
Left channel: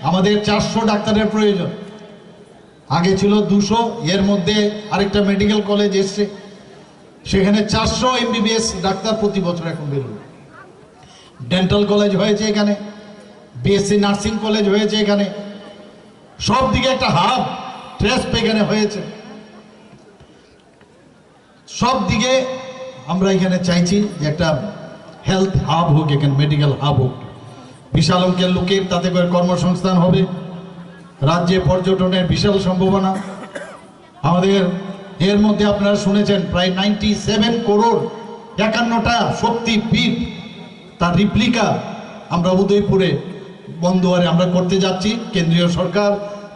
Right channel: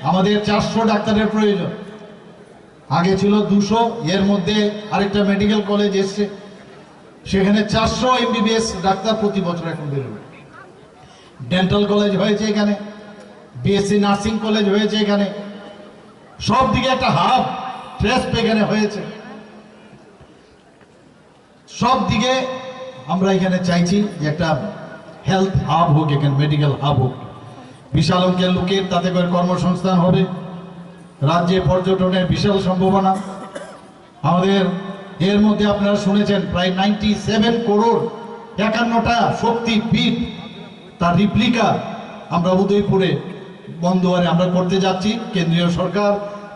আমাদের 400 ডাক্তারের প্রয়োজন, আগে ছিল 200। এর মধ্যে আরেকটা মেডিকেল কলেজ এসছে, সেখানে 400 MBBS ডাক্তার প্রতি বছর এখন বেরোবে। ডেন্টাল কলেজ হয়েছে এখানে, বিএসসি নার্সিং কলেজ হয়েছে এখানে, সব দিকে একটা হাব ট্রেস্প এখানে হয়েছে। সব দিকে আমরা এখানে চাইছি যে একটা হেলথ হাব হোক, এখানে মেডিকেল হাব হোক, বিশাল অঙ্কের লোকের তাতে করে কর্মসংস্থান হবে। রাজ্যে পর্যটনের বিশাল সম্ভাবনা আমাদের। এর মধ্যে আপনারা শুনেছেন প্রায় 97 করোড় 51টা শক্তিপীঠ তার রিপ্লিকা আমরা উদয়পুরে বন্দোয়ারে আমরা করতে যাচ্ছি। কেন্দ্রীয় সরকার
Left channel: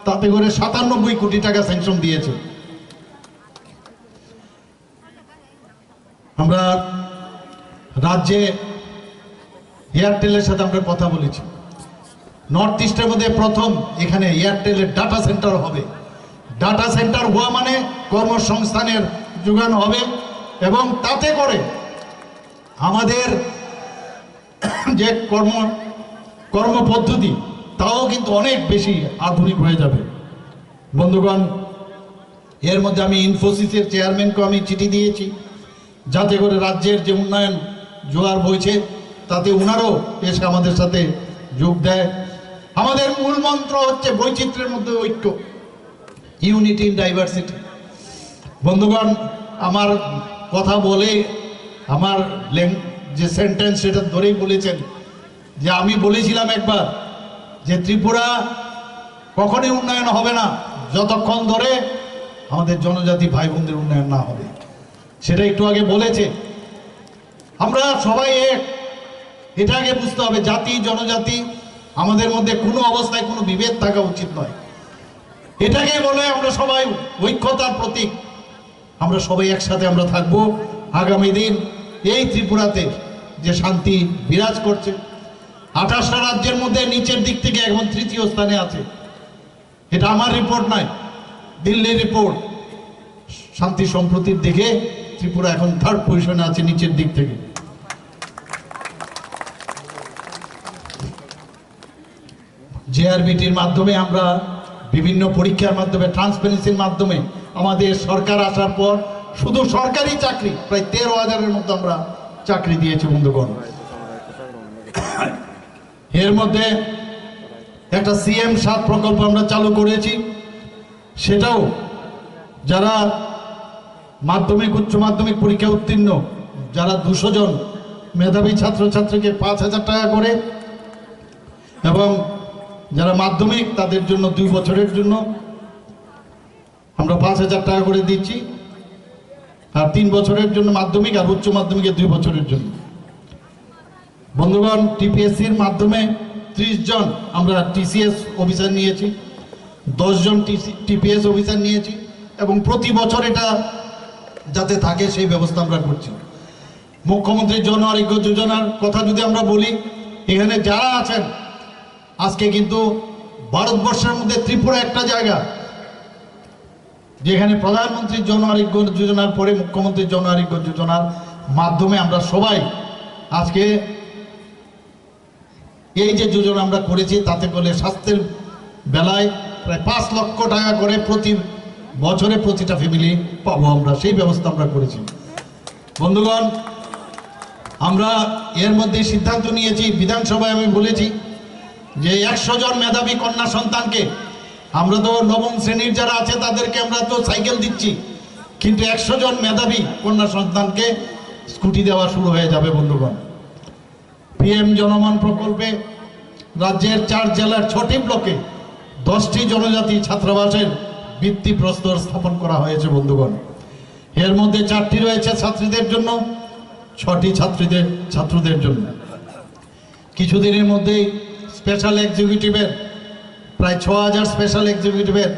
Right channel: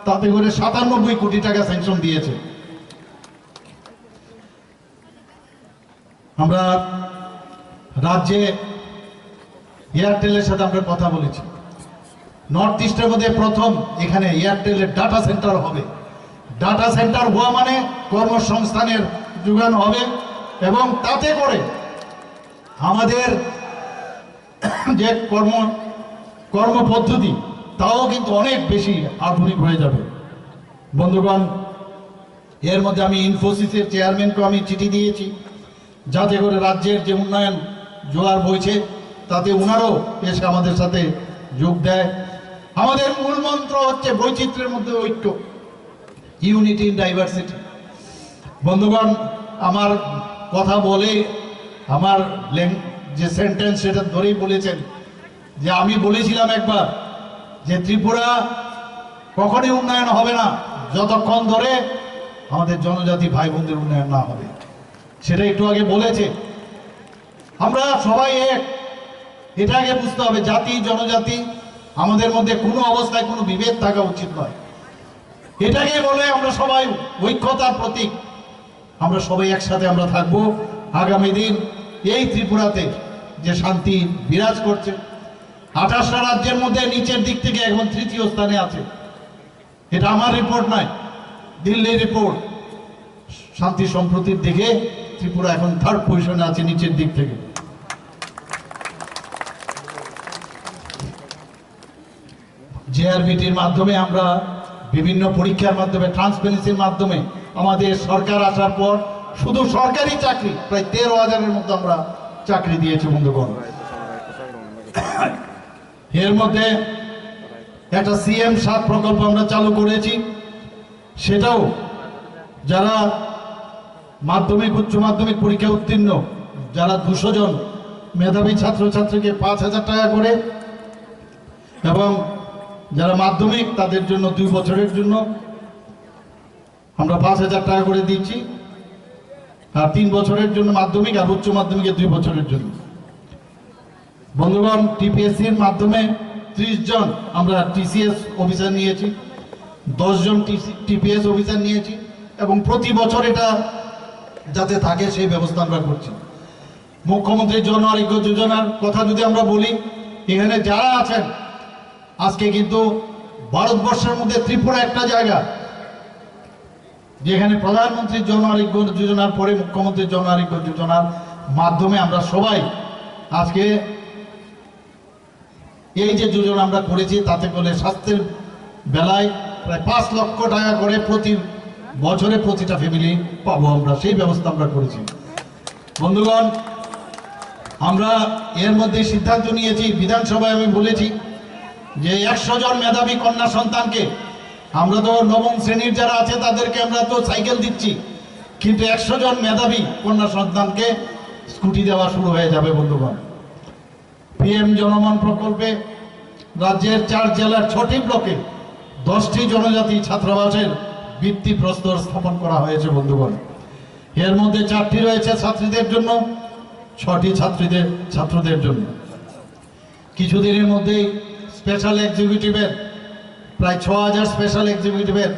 তাতে করে 97 কোটি টাকা স্যাংশন দিয়েছে। আমরা রাজ্যে এয়ারটেলের সাথে আমরা কথা বলেছি, নর্থ ইস্টের মধ্যে প্রথম এখানে এয়ারটেলের ডাটা সেন্টার হবে। ডাটা সেন্টার হওয়া মানে কর্মসংস্থানের যোগান হবে, এবং তাতে করে আমাদের যে কর্মপদ্ধতি তাও কিন্তু অনেক বেশি আধুনিক হয়ে যাবে। বন্ধুগণ, এর মধ্যে আমি ইনফোসিসের চেয়ারম্যানকে আমি চিঠি দিয়েছি, যাতে করে রাজ্যের যে উন্নয়ন জোয়ার বইছে তাতে ওনারও এসে আমাদের সাথে যোগ দেয়। আমাদের মূল মন্ত্র হচ্ছে বৈচিত্র্যের মধ্যে ঐক্য, ইউনিটি ইন ডাইভার্সিটি। বন্ধুগণ, আমার কথা বলে আমার যে সেন্টেন্স সেটা ধরেই বলেছেন যে আমি বলেছিলাম একবার যে ত্রিপুরা কখনই উন্নয়ন হবে না যতক্ষণ ধরে আমাদের জনজাতি ভাই বোনদের উন্নয়ন না হবে। সেটা একটু আগে বলেছে। আমরা সবাই এক, এটা আগে বুঝতে হবে। জাতি জনজাতি আমাদের মধ্যে কোনো অবস্থায় কোনো বিভেদ থাকা উচিত নয়। এটাকে বলে আমরা সবাই ঐক্যতার প্রতীক। আমরা সবাই একসাথে আমরা থাকবো। আগামী দিন এই ত্রিপুরাতে যে শান্তি বিরাজ করছে, 28টা রাজ্যের মধ্যে নিচের দিক থেকে এখন 3য় স্থানে আছে। এটা আমার রিপোর্ট নয়, দিল্লির রিপোর্ট। শান্তি সম্প্রতির দিকে ত্রিপুরা এখন 3rd পজিশনে আছে নিচের দিক থেকে। জেআরবিটির মাধ্যমে আমরা বিভিন্ন পরীক্ষার মাধ্যমে, ট্রান্সপারেন্সির মাধ্যমে আমাদের সরকার আসার পর শুধু সরকারি চাকরি প্রায় 13,000-এর মতো আমরা চাকরি দিয়েছি বন্ধুগণ। এর মধ্যে একটা CM7 প্রকল্প আমরা চালু করেছি। সেটাও যারা মাধ্যমিক উচ্চ মাধ্যমিক পরীক্ষা উত্তীর্ণ, যারা 200 জন মেধাবী ছাত্রছাত্রীকে 5,000 টাকা করে, এবং যারা মাধ্যমিক তাদের জন্য 2 বছরের জন্য আমরা 5,000 টাকা করে দিচ্ছি, আর 3 বছরের জন্য মাধ্যমিক, আর উচ্চ মাধ্যমিকে 2 বছরের জন্য। বন্ধুগণ, TPSCর মাধ্যমে 30 জন আমরা TCS অফিসার নিয়েছি, 10 জন TPS অফিসার নিয়েছি, এবং প্রতি বছর এটা যাতে থাকে সেই ব্যবস্থা আমরা করছি। মুখ্যমন্ত্রী জন আরোগ্য যোজনার কথা যদি আমরা বলি, এখানে যারা আছেন আজকে কিন্তু ভারতবর্ষের মধ্যে ত্রিপুরা একটা জায়গা যেখানে প্রধানমন্ত্রী জন আরোগ্য যোজনার পরে মুখ্যমন্ত্রী জন আরোগ্য যোজনার মাধ্যমে আমরা সবাই আজকে এই যে যোজনা আমরা করেছি, তাতে করে স্বাস্থ্যের বেলায় প্রায় 5 লক্ষ টাকা করে প্রতি বছরে প্রতিটা ফ্যামিলি পাবো আমরা, সেই ব্যবস্থা আমরা করেছি। বন্ধুগণ, আমরা এর মধ্যে সিদ্ধান্ত নিয়েছি, বিধানসভায় আমি বলেছি যে 100 জন মেধাবী কন্যা সন্তানকে, আমরা তো 9ম শ্রেণীর যারা আছে তাদেরকে আমরা তো সাইকেল দিচ্ছি, কিন্তু 100 জন মেধাবী কন্যা সন্তানকে স্কুটি দেওয়া শুরু হয়ে যাবে বন্ধুগণ। PM জনমন প্রকল্পে রাজ্যের 4 জেলার 6টি ব্লকে 10টি জনজাতি ছাত্রাবাসের ভিত্তিপ্রস্তর স্থাপন করা হয়েছে বন্ধুগণ। এর মধ্যে 4টি রয়েছে ছাত্রীদের জন্য, 6টি ছাত্রদের জন্য। কিছুদিনের মধ্যেই স্পেশাল এক্সিকিউটিভের প্রায় 6,000 স্পেশাল এক্সিকিউটিভের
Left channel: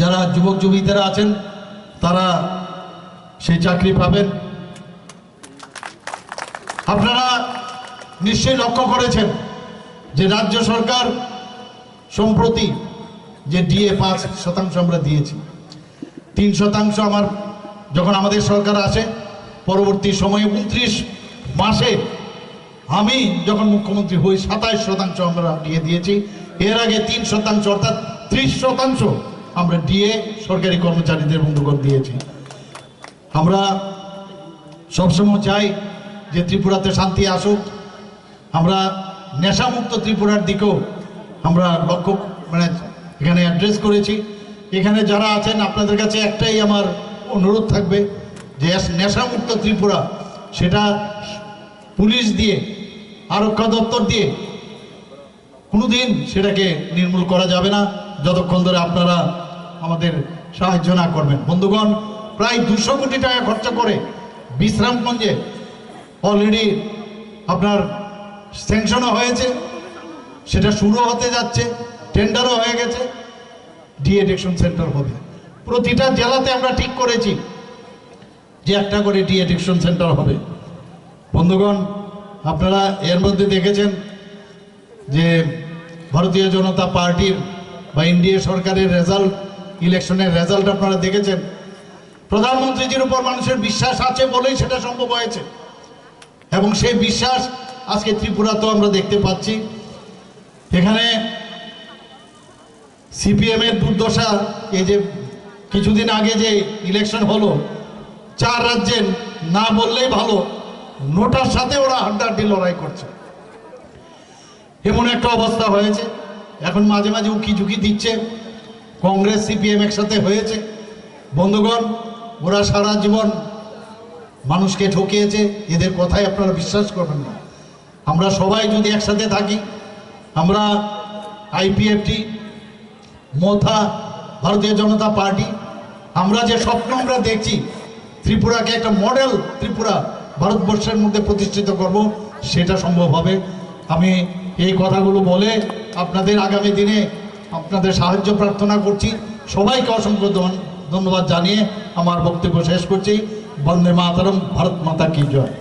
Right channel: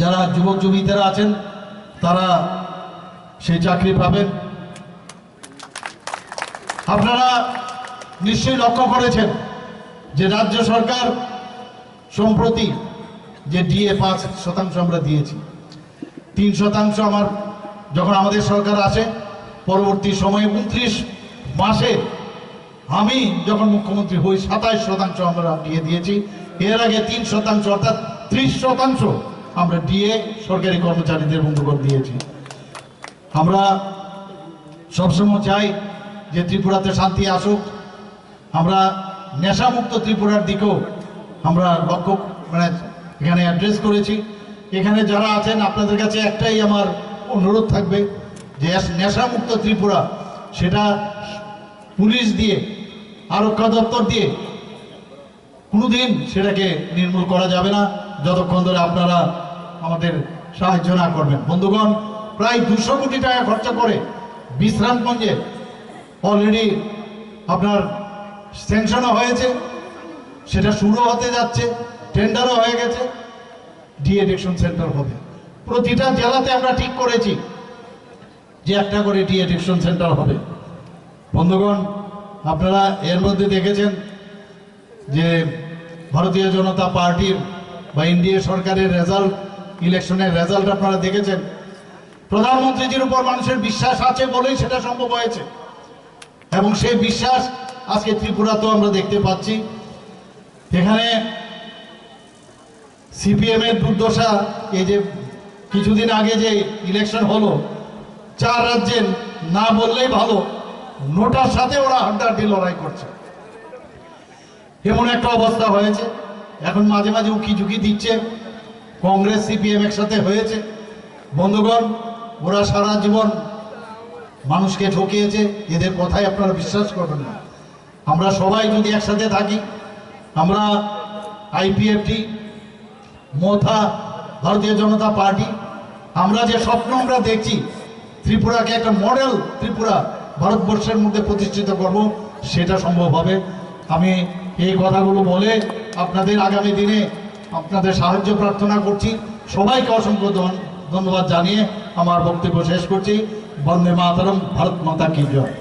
যারা যুবক যুবতীরা আছেন তারা সেই চাকরি পাবেন। আপনারা নিশ্চয়ই লক্ষ্য করেছেন যে রাজ্য সরকার সম্প্রতি যে DA 5% আমরা দিয়েছি, 3% আমার যখন আমাদের সরকার আসে, পরবর্তী সময়ে 29 মাসে আমি যখন মুখ্যমন্ত্রী হই 27% আমরা DA দিয়েছি। এর আগে 3% অর্থাৎ 30% আমরা DA সরকারি কর্মচারীদের বন্ধুগণ দিয়েছি। আমরা সবসময় চাই যে ত্রিপুরাতে শান্তি আসুক। আমরা নেশামুক্ত ত্রিপুরার দিকেও আমরা লক্ষ্য এখানে অ্যাড্রেস করেছি। এখানে যারা আছেন আপনাদের কাছে একটাই আমার অনুরোধ থাকবে যে নেশামুক্ত ত্রিপুরা সেটা পুলিশ দিয়ে, আরক্ষা দপ্তর দিয়ে কোনোদিন সেটাকে নির্মূল করা যাবে না যতক্ষণ ধরে আপনারা আমাদের সাহায্য না করবেন। বন্ধুগণ, প্রায় 200 কোটি টাকা খরচা করে বিশ্রামগঞ্জে অলরেডি আপনার স্যাংশনও হয়েছে, সেটা শুরু হতে যাচ্ছে, টেন্ডারও হয়ে গেছে, ডি-অ্যাডিকশন সেন্টার হবে। প্রতিটা জেলাতে আমরা ঠিক করেছি যে একটা করে ডি-অ্যাডিকশন সেন্টার হবে। বন্ধুগণ, আপনারা এর মধ্যে দেখেছেন যে ভারতীয় জনতা পার্টির বা এনডিএ সরকারের রেজাল্ট, ইলেকশনের রেজাল্ট আপনারা দেখেছেন। প্রধানমন্ত্রীজির উপর মানুষের বিশ্বাস আছে বলেই সেটা সম্ভব হয়েছে, এবং সেই বিশ্বাস আজকে ত্রিপুরাতেও আমরা দেখতে পাচ্ছি। এখানে CPM এর দুর্দশা, এই যে কিছুদিন আগে যে ইলেকশন হলো, 4 রাজ্যে না বললেই ভালো, নোটার সাথে ওরা হাড্ডাহাড্ডি লড়াই করছে, এমন একটা অবস্থা হয়েছে। এখন মাঝে মাঝে উকি ঝুঁকি দিচ্ছে, কংগ্রেস CPM একসাথে হয়েছে। বন্ধুগণ, ওরা সারা জীবন মানুষকে ঠকিয়েছে, এদের কথাই আপনারা বিশ্বাস করবেন না। আমরা সবাই যদি একসাথে থাকি, আমরা IPFT, মোথা, ভারতীয় জনতা পার্টি, আমরা যে স্বপ্ন আমরা দেখছি ত্রিপুরাকে একটা মডেল ত্রিপুরা ভারতবর্ষের মধ্যে প্রতিষ্ঠিত করব, সেটা সম্ভব হবে। আমি এই কথাগুলো বলে আপনাদের আগামী দিনে আপনাদের সাহায্য প্রার্থনা করছি। সবাইকে অসংখ্য ধন্যবাদ জানিয়ে আমার বক্তব্য শেষ করছি। বন্দে মাতরম, ভারত মাতা কি জয়।